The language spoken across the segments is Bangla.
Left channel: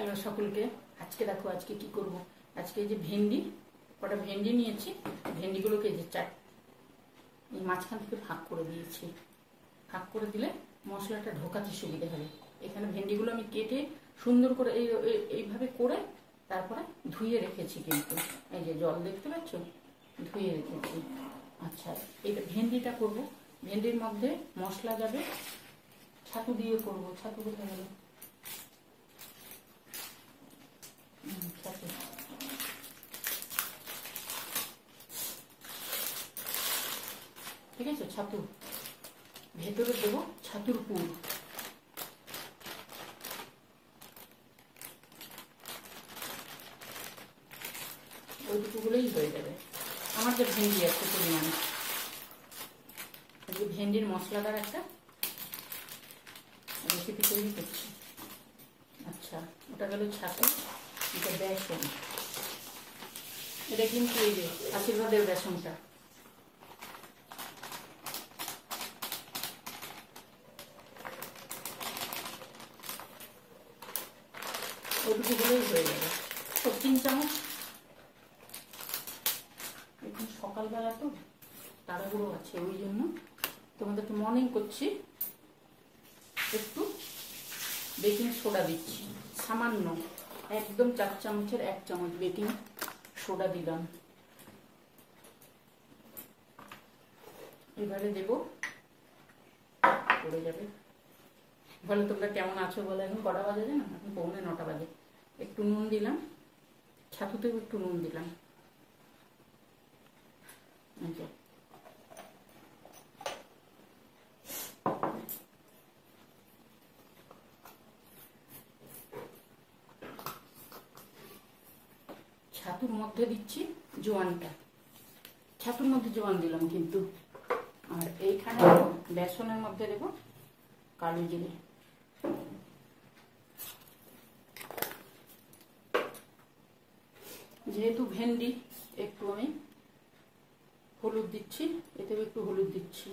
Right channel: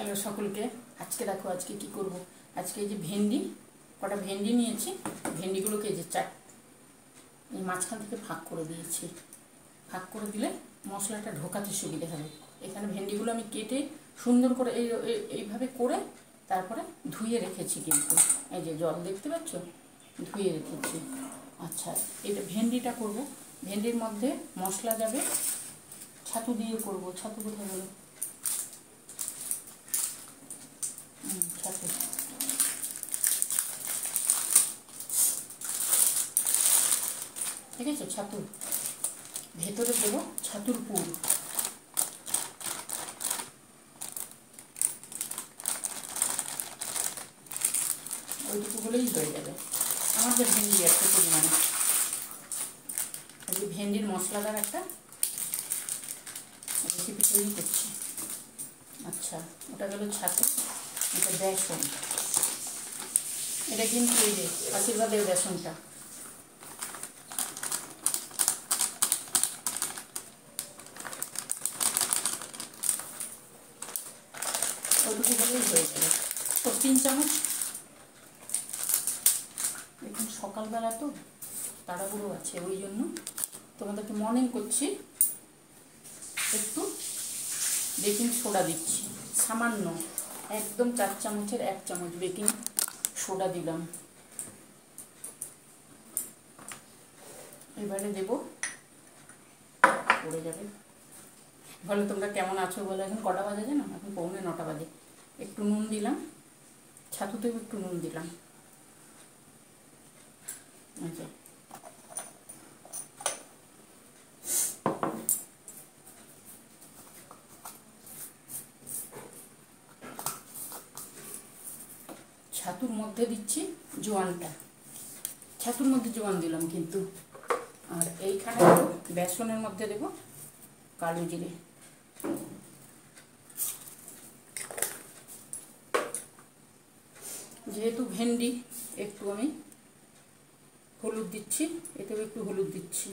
হ্যালো সকলকে। আজকে দেখো আজকে কি করব। আজকে এই যে ভেন্ডি, কটা ভেন্ডি নিয়েছি, ভেন্ডিগুলোকে যে এই মাঝখান থেকে ভাগ করে দিয়েছি। ভাগ করে দিলে মশলাটা ঢোকাতে সুবিধে হবে। এখানে ভেন্ডিগুলো আমি কেটে সুন্দর করে এইভাবে করে তারপরে ধুয়ে রেখেছি, কিন্তু এই যে জল দেখতে পাচ্ছ, ধুয়ে রেখেছি। আচ্ছা, এটা ভেন্ডিটা করব। ভেন্ডির মধ্যে মশলা যাবে, ছাতু দিয়ে করব। ছাতু কোথায় গেল? ছাতু ঠিক আছে। ছাতু ভেতরে দেবো, ছাতুর পুর। ওইটুকু হলেই হয়ে যাবে আমাদের ভেন্ডি একটা পরিমাণে। আজকে ভেন্ডির মশলাদার একটা রেসিপি তৈরি করছি। আচ্ছা, ওটা গেল ছাতু। এটা বেসন, এটা কিন্তু এই যে আশীর্বাদের বেসনটা। ওইটুকু হলেই হয়ে যাবে। তো 3 চামচ। এখন সকালবেলা তো তাড়াহুড়ো আছে, ওই জন্য তোমাদেরকে মনে করছি একটু বেকিং সোডা দিচ্ছি, সামান্য, একদম 4 চামচের 1 চামচ বেকিং সোডা দিলাম। এবারে দেব, পড়ে যাবে। বলো তোমরা কেমন আছো বলো। এখন কটা বাজে জানো? এখন 8:45 বাজে। একটু নুন দিলাম, ছাতুতেও একটু নুন দিলাম। আচ্ছা, ছাতুর মধ্যে দিচ্ছি জোয়ানটা। ছাতুর মধ্যে জোয়ান দিলাম কিন্তু। আর এইখানে বেসনের মধ্যে দেব কালো জিরে। যেহেতু ভেন্ডি, একটু আমি হলুদ দিচ্ছি, এতেও একটু হলুদ দিচ্ছি।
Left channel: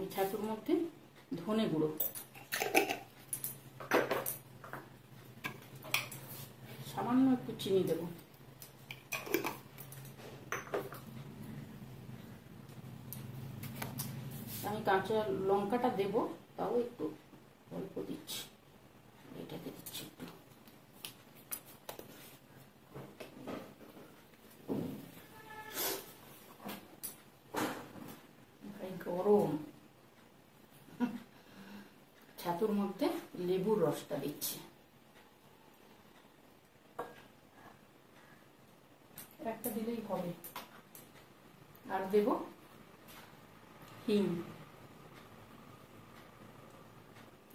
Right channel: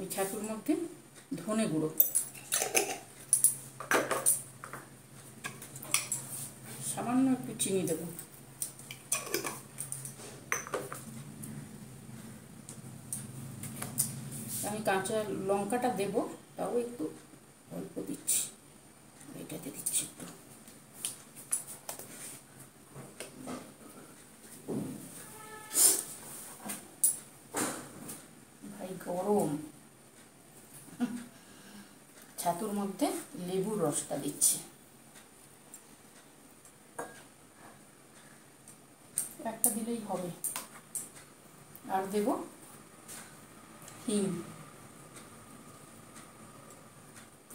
এই ছাতুর মধ্যে ধনে গুঁড়ো, সামান্য একটু চিনি দেব। আমি কাঁচা লঙ্কাটা দেব, তাও একটু অল্প দিচ্ছি। এটাতে দিচ্ছি একটু। ভাই গরম। ছাতুর মধ্যে লেবুর রসটা দিচ্ছি, একটা দিলেই হবে। আর দেব হিং,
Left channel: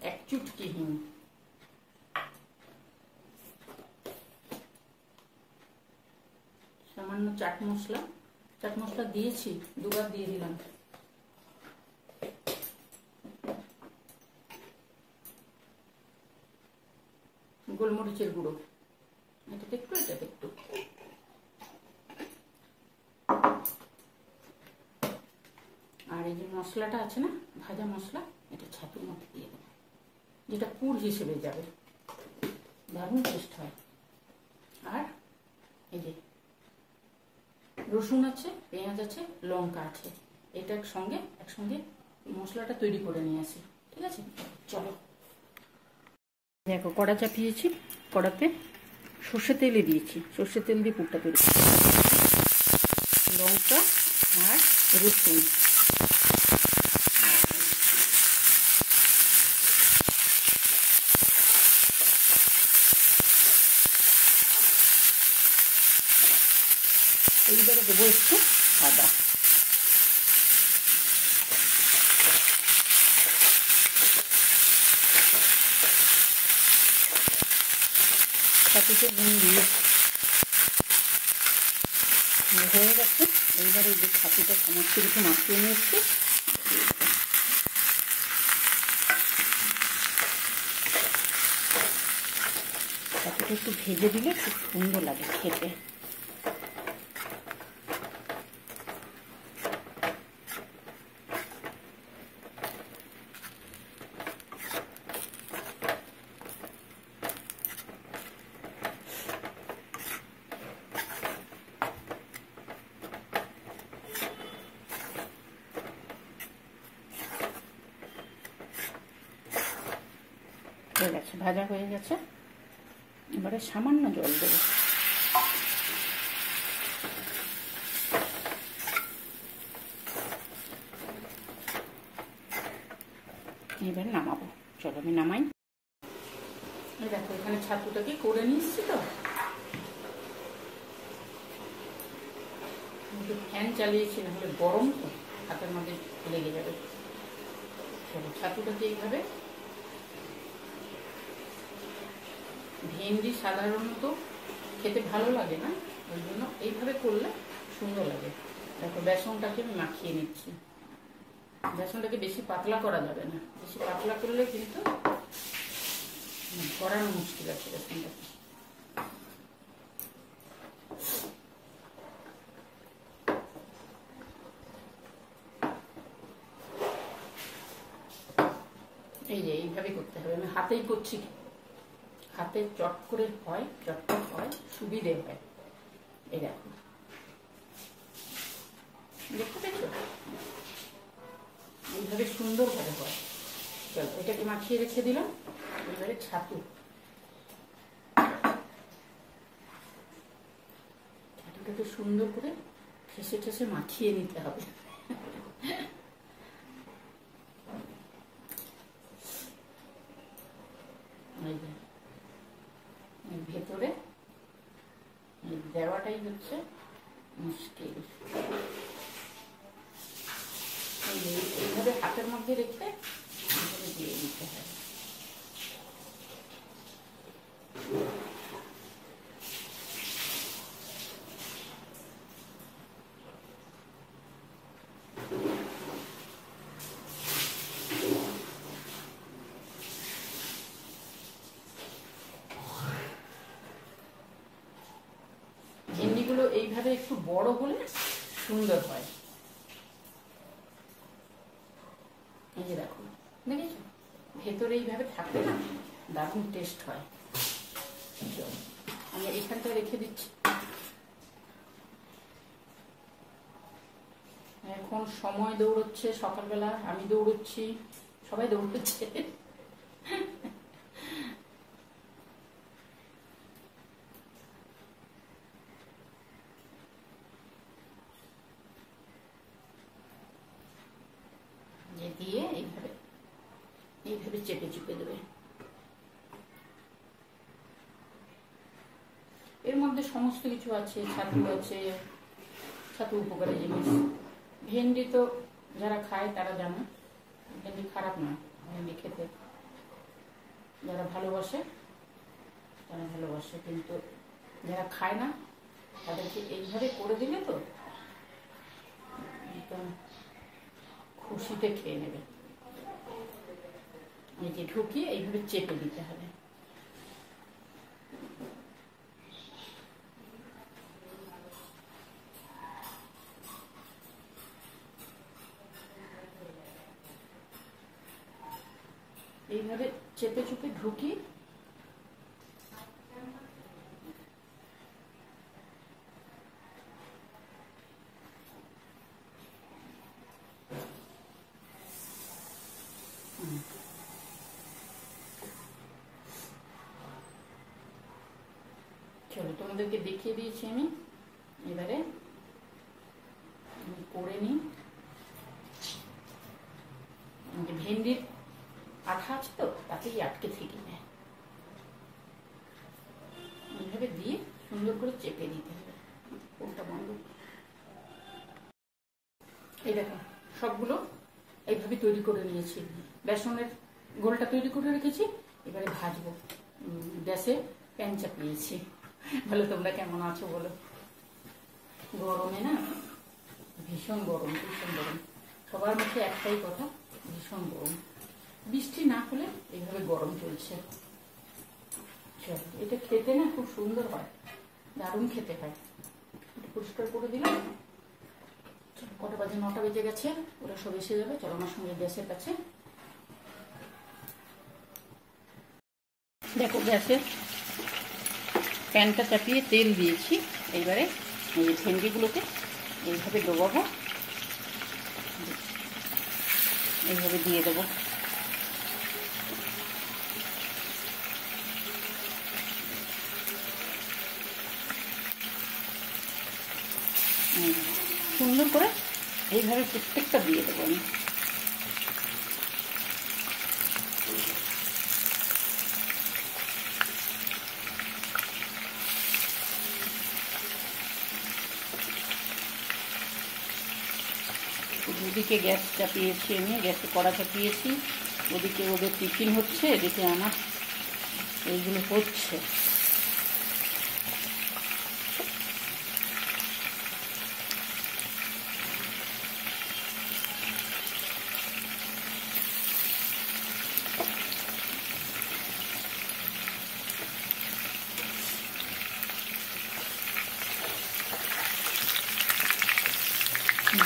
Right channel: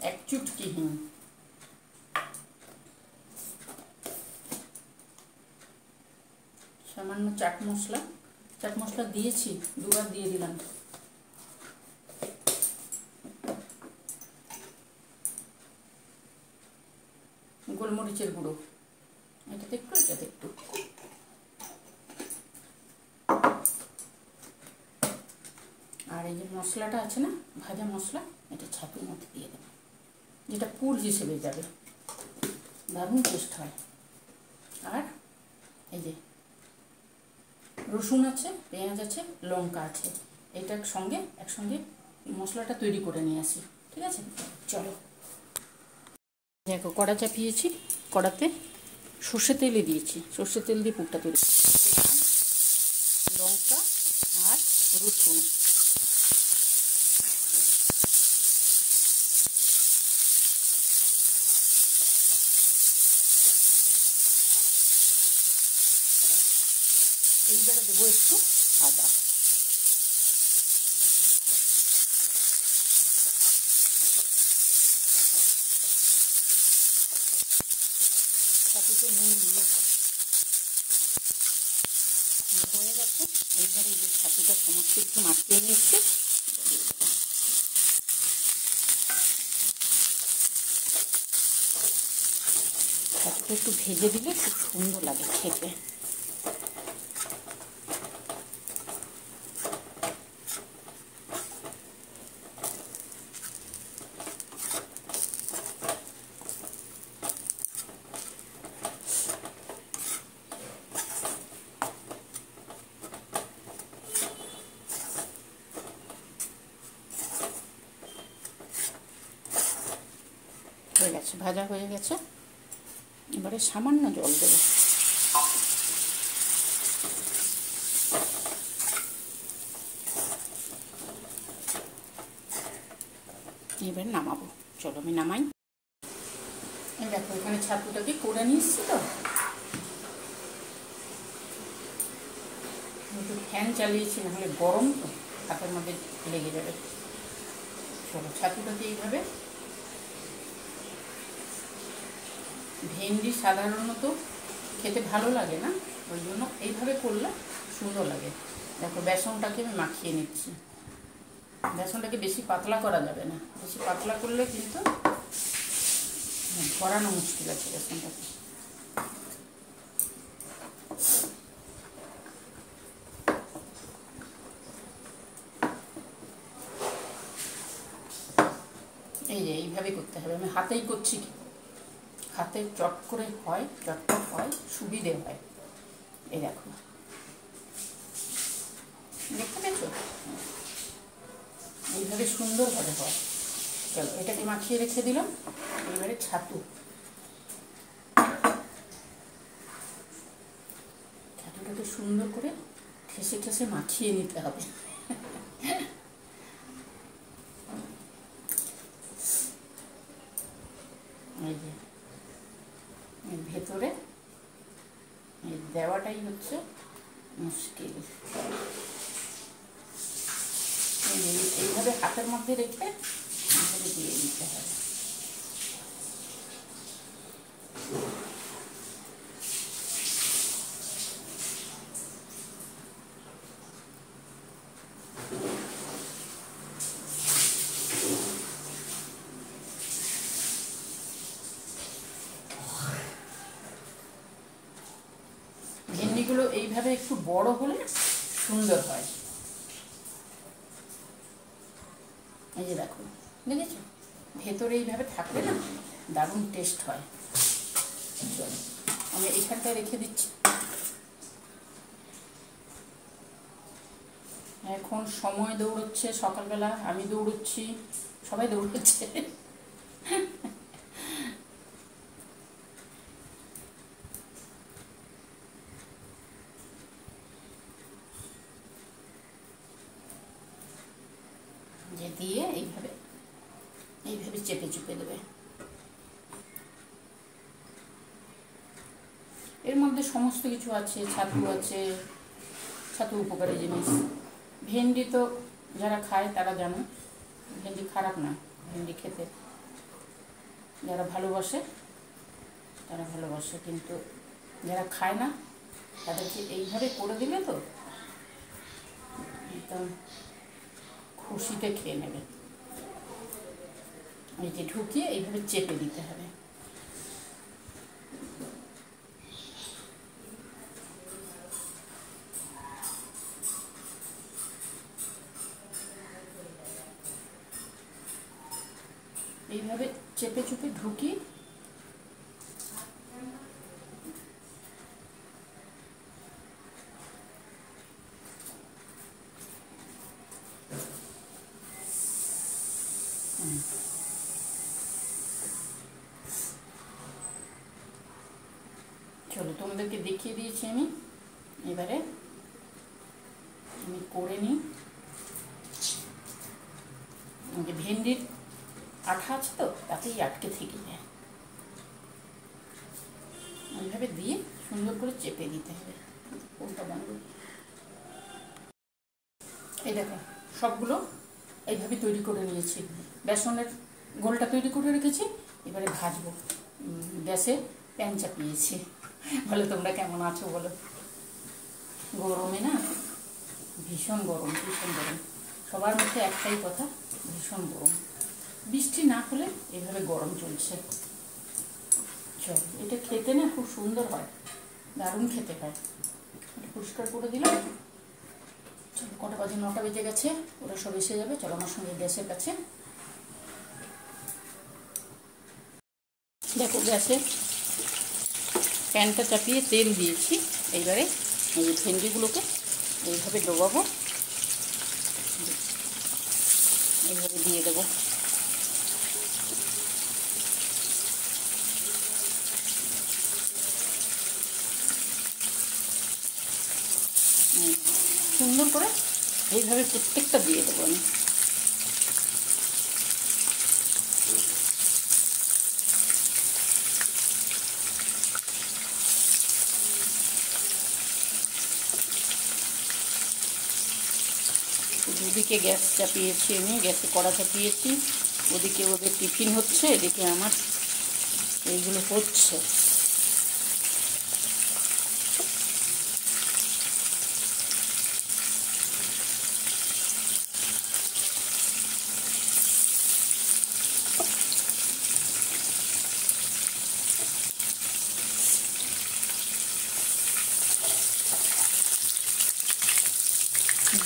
1 চুটকি হিং। সামান্য চাট মশলা, চাট মশলা দিয়েছি, 2বার দিয়ে দিলাম। গোলমরিচের গুঁড়ো, এটাতে একটু, এটাতে একটু। আর এই যে মশলাটা আছে না, ভাজা মশলা, এটা ছাতুর মধ্যে দিয়ে দেবো, যেটা পুর হিসেবে যাবে, দারুণ টেস্ট হয়। আর এই যে রসুন আছে, পেঁয়াজ আছে, লঙ্কা আছে, এটা একসঙ্গে মশলাটা তৈরি করে নিয়ে আসি। ঠিক আছে, চলো। দেখো কড়া চাপিয়েছি, কড়াতে সর্ষে তেলে দিয়েছি, সর্ষে তেল দিয়ে পুরটা তৈরি, লঙ্কা আর রসুন। এইবারে দেবো একটু আদা। ছাতুতে নুন দিয়ে হয়ে গেছে। এইবারে যে ছাতুটা সমস্ত কিছু মাখিয়ে নিয়েছি, ছাতুটা একটু ভেজে দিলে খুব সুন্দর লাগে খেতে। হয়ে গেছে, ভাজা হয়ে গেছে। এবারে সামান্য জল দেবো। এবার নামাবো। চলো আমি নামাই। দেখো এখানে ছাতুটাকে করে নিচ্ছি তো, একটু ফ্যান চালিয়েছি, নাহলে গরম তো হাতের মধ্যে লেগে যাবে। চলো ছাতুটাকে এইভাবে, ভেন্ডি সাধারণত খেতে ভালো লাগে না, ওই জন্য এইভাবে করলে সুন্দর লাগে। দেখো বেসনটাকে আমি মাখিয়ে নিচ্ছি। বেসনটাকে বেশি পাতলা করা যাবে না, বেশি পাতলা করলে কিন্তু ভরানো মুশকিল আছে বেসনটাকে। এই যে এইভাবে করতে হবে। আমি হাতেই করছি, হাতে চট করে হয়, চটপট হয়, সুবিধে হয়। এই দেখো, দেখতে পেয়েছো? এইভাবে সুন্দরভাবে হয়। চলো এটাকে মাখিয়ে রেখে দিলাম। এবারে ছাতুটাকে সুন্দর করে ঠেসে ঠেসে মাখিয়ে নিতে হবে। এই যে ভেতরে দেওয়াটাই হচ্ছে মুশকিল। এইভাবে হাতের মধ্যে রেখে এইভাবে দিয়ে দিতে হবে। ভেন্ডিগুলো এইভাবে একটু বড় হলে সুন্দর হয়। এই যে দেখো, দেখেছো? ভেতরে এইভাবে থাকলে না দারুণ টেস্ট হয়। চলো আমি এইখানটা রেখে দিচ্ছি। এখন সময় দৌড়চ্ছে, সকালবেলা আমি দৌড়চ্ছি, সবাই দৌড়চ্ছে। যে দিয়ে এইভাবে এইভাবে চেপে চেপে দেবে। এর মধ্যে সমস্ত কিছু আছে, ছাতু আছে, ছাতু উপকারী জিনিস। ভেন্ডি তো যারা খায় তারা জানে ভেন্ডি খারাপ নয়, ভেন্ডি খেতে যারা ভালোবাসে তারা ভালোবাসে, কিন্তু যারা খায় না তাদেরকে এইভাবে করে দিলে তো একদম খুশিতে খেয়ে নেবে। এই যে ঢুকিয়ে এইভাবে চেপে দিতে হবে। এইভাবে চেপে চুপে ঢুকিয়ে চলো তোমাদেরকে দেখিয়ে দিয়েছি আমি। এবারে আমি করে নিই। ভেন্ডির আঠা আছে তো, তাতেই আটকে থেকে যায়। এইভাবে দিয়ে সুন্দর করে চেপে দিতে হবে। কোনটা বন্ধ? এই দেখো সবগুলো এইভাবে তৈরি করে নিয়েছি। বেসনের গোলটা তৈরি করে রেখেছি, এবারে ভাজবো। গ্যাসে প্যান চাপিয়েছি। বলো তোমরা কেমন আছো বলো? গরমে না ভীষণ গরম, ভীষণ গরম। সবার মুখে একটাই কথা, ভীষণ গরম। বৃষ্টি না হলে এভাবে গরম চলছে। চল, এটা খেতে না খুব সুন্দর হয়, দারুণ খেতে হয়। পরিষ্কার করে দিলাম। কটা বাজে? 9টা বেজে গেছে। ওরা সব এসে যাবে। চলো আমার সঙ্গে গ্যাসের কাছে। দেখো গ্যাসে প্যানটা চাপিয়ে তেল দিয়েছি। এইবারে এই ভেন্ডিগুলোকে এইভাবে ডোবাবো, এইভাবে দিয়ে দেবো। এইভাবে প্রত্যেকটা দিয়ে দেবো আমি। দুদিকে গ্যাস চাপিয়েছি আমি, গ্যাসে কড়া চাপিয়েছি, ওদিকে ওদের টিফিন হচ্ছে, এদিকে আমার এইগুলো হচ্ছে।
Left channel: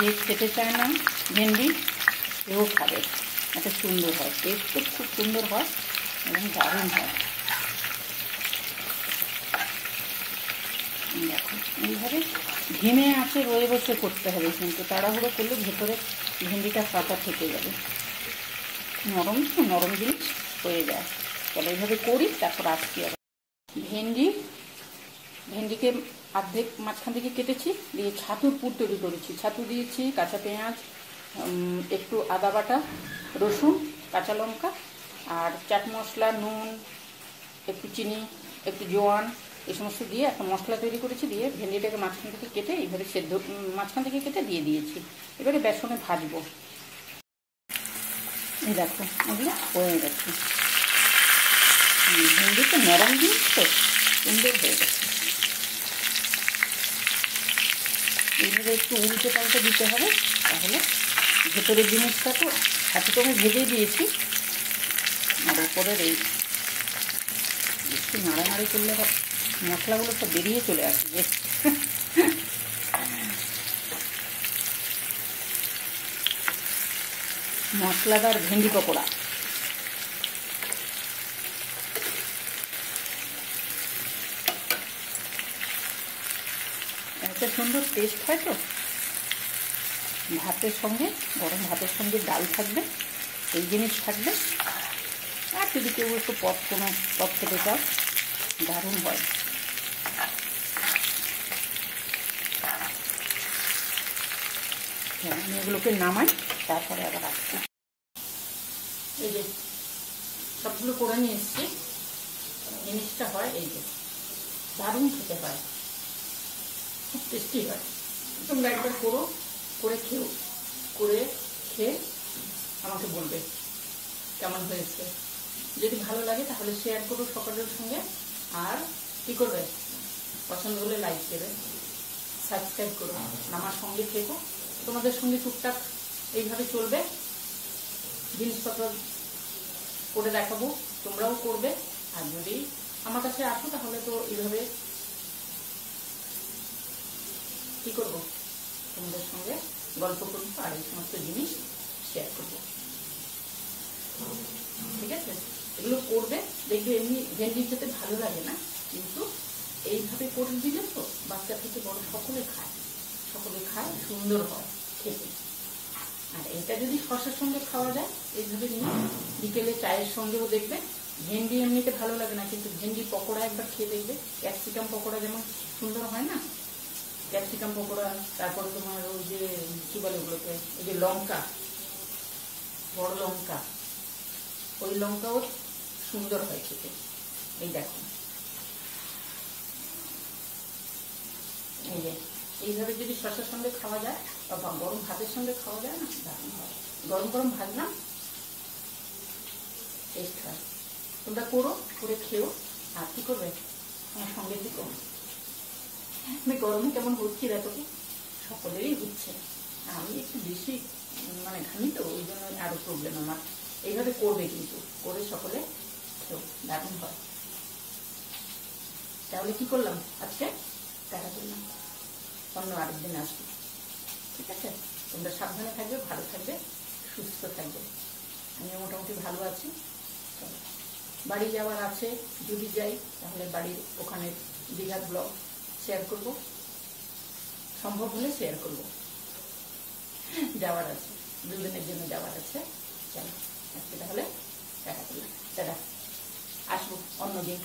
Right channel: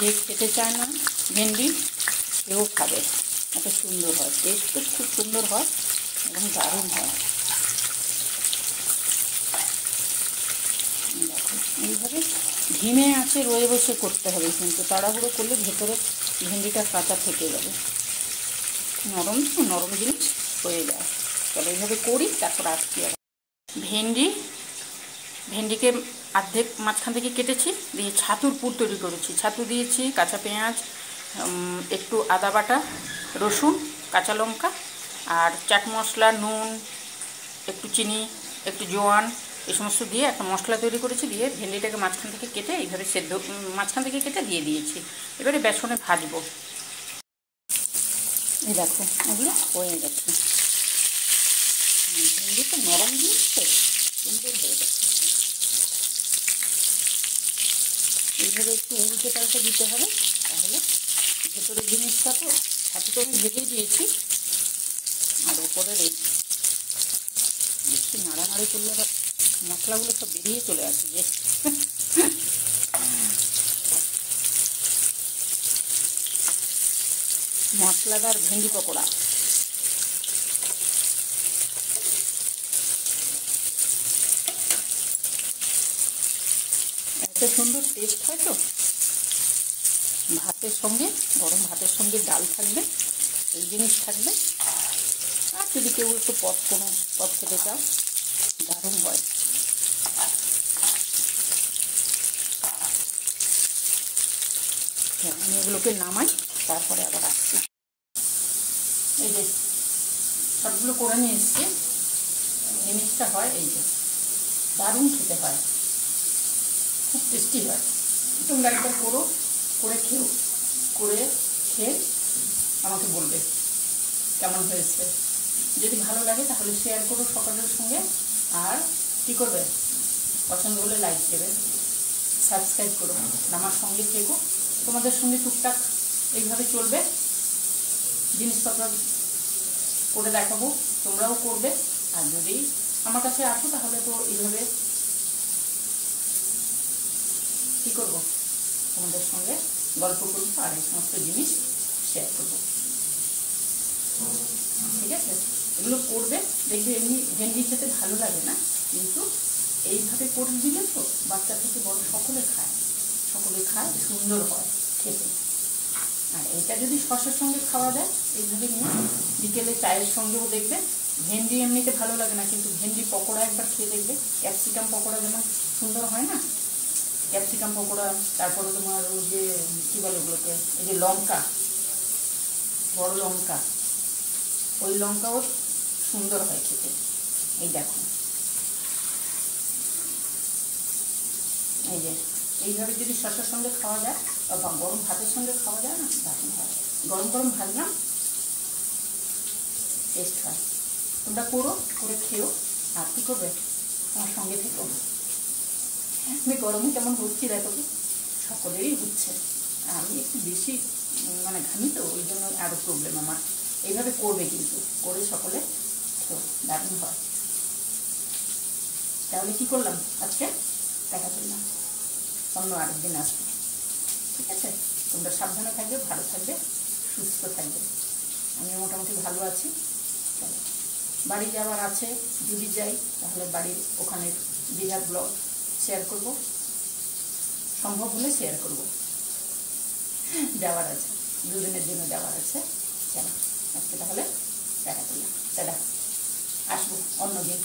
যে খেতে চায় না ভেন্ডি সেও খাবে, এত সুন্দর হয়, টেস্টও খুব সুন্দর হয় এবং দারুণ হয়। দেখো এইভাবে ধিমে আঁচে রয়ে বসে করতে হবে, কিন্তু তাড়াহুড়ো করলে ভেতরে ভেন্ডিটা কাঁচা থেকে যাবে, নরম তো নরম জিনিস হয়ে যায়। চলো এইভাবে করি, তারপর আসছি আবার। ভেন্ডিকে অর্ধেক মাঝখান থেকে কেটেছি, দিয়ে ছাতুর পুর তৈরি করেছি। ছাতু দিয়েছি, কাঁচা পেঁয়াজ, একটু আদা বাটা, রসুন, কাঁচা লঙ্কা আর চাট মশলা, নুন, একটু চিনি, একটু জোয়ান, এই সমস্ত দিয়ে একটা মশলা তৈরি করেছি। দিয়ে ভেন্ডিটাকে মাঝখান থেকে কেটে এইভাবে সেদ্ধ, মাঝখান থেকে কেটে দিয়ে দিয়েছি। এবারে বেসনে ভাজবো। এই দেখো ওগুলো হয়ে গেছে। ভেন্ডি তো নরম জিনিস তো সুন্দর হয়ে গেছে। এইভাবে একটু উল্টে পাল্টে দিতে হবে, তাহলে ভেতরের জিনিসটা তো ছাতু তো আমি ভেজে দিয়েছি, আর ওপরের এই একটু নাড়ানাড়ি করলে মশলাগুলো সব বেরিয়ে চলে আসবে। মশলাদার ভেন্ডি পকোড়া। এত সুন্দর টেস্ট হয় তো। ভাতের সঙ্গে, গরম ভাতের সঙ্গে ডাল থাকবে, এই জিনিস থাকবে, আর যদি কেউ একটু কোনো পদ খেতে চাও, দারুণ হয়। হ্যাঁ, আমি এগুলোকে নামাই, তারপরে আবার আসছি। এই যে সবগুলো করে নিয়ে এসছি, জিনিসটা হয় এই যে দারুণ খেতে হয়, খুব টেস্টি হয়। তোমরা একবার করো, করে খেয়ে আমাকে বলবে কেমন হয়েছে। যদি ভালো লাগে তাহলে শেয়ার করো সকলের সঙ্গে, আর কি করবে, পছন্দ হলে লাইক দেবে, সাবস্ক্রাইব করো, আমার সঙ্গে থেকো। তোমাদের সঙ্গে টুকটাক এইভাবে চলবে, জিনিসপত্র করে দেখাবো, তোমরাও করবে। আর যদি আমার কাছে আসো তাহলে তো এইভাবে কি করবো, তোমাদের সঙ্গে গল্প করবো আর এই সমস্ত জিনিস শেয়ার করবো। ঠিক আছে, এগুলো করবে, দেখবে এমনি ভেন্ডি খেতে ভালো লাগে না, কিন্তু এইভাবে করে দিলে তো বাচ্চা থেকে বড় সকলে খায়, সুন্দর হয় খেতে। আর এটা যদি শসার সঙ্গে খাওয়া যায়, এইভাবে নিয়ে বিকেলে চায়ের সঙ্গেও দেখবে। ভেন্ডি এমনিতে ভালো লাগে না, কিন্তু ভেন্ডি পকোড়া একবার খেয়ে দেখবে, ক্যাপসিকাম পকোড়া যেমন সুন্দর হয় না, ক্যাপসিকাম পকোড়া, তারপরে তোমার ওই যে কি বলে ওগুলোকে, এই যে লঙ্কা, বড় লঙ্কা, ওই লঙ্কাও সুন্দর হয় খেতে। এই দেখো, এই যে এইভাবে যদি শসার সঙ্গে খাওয়া যায় বা গরম ভাতের সঙ্গে খাওয়া যায় না, দারুণ হয়। গরম গরম ভাজলাম, টেস্ট হয়। তোমরা করে খেও, আর কি করবে, আমার সঙ্গে থেকো। আমি গরমে কেমন হচ্ছি দেখো, কি সকলেরই হচ্ছে, আমি একটু বেশি মানে ঘামি তো, ওই জন্য আরো প্রবলেম আমার। এইভাবে করবে, কিন্তু করে সকলে খেও, দারুণ হয়। তাহলে কি করলাম আজকে, দেখা করলাম, অন্য আরেকদিন আসবো। ঠিক আছে, তোমরা সাবধানে থাকবে, ভালো থাকবে, সুস্থ থাকবে। আমিও মোটামুটি ভালো আছি। চলো, বাড়ি যাওয়ার আছে, যদি যাই তাহলে বাড়ির ওখানে দীঘার ব্লগ শেয়ার করব, সম্ভব হলে শেয়ার করব। যাওয়ার আছে, দুদিনের জন্য যাওয়ার আছে। চলো আজকে তাহলে দেখা করলাম, দাদা আসবো অন্যদিন।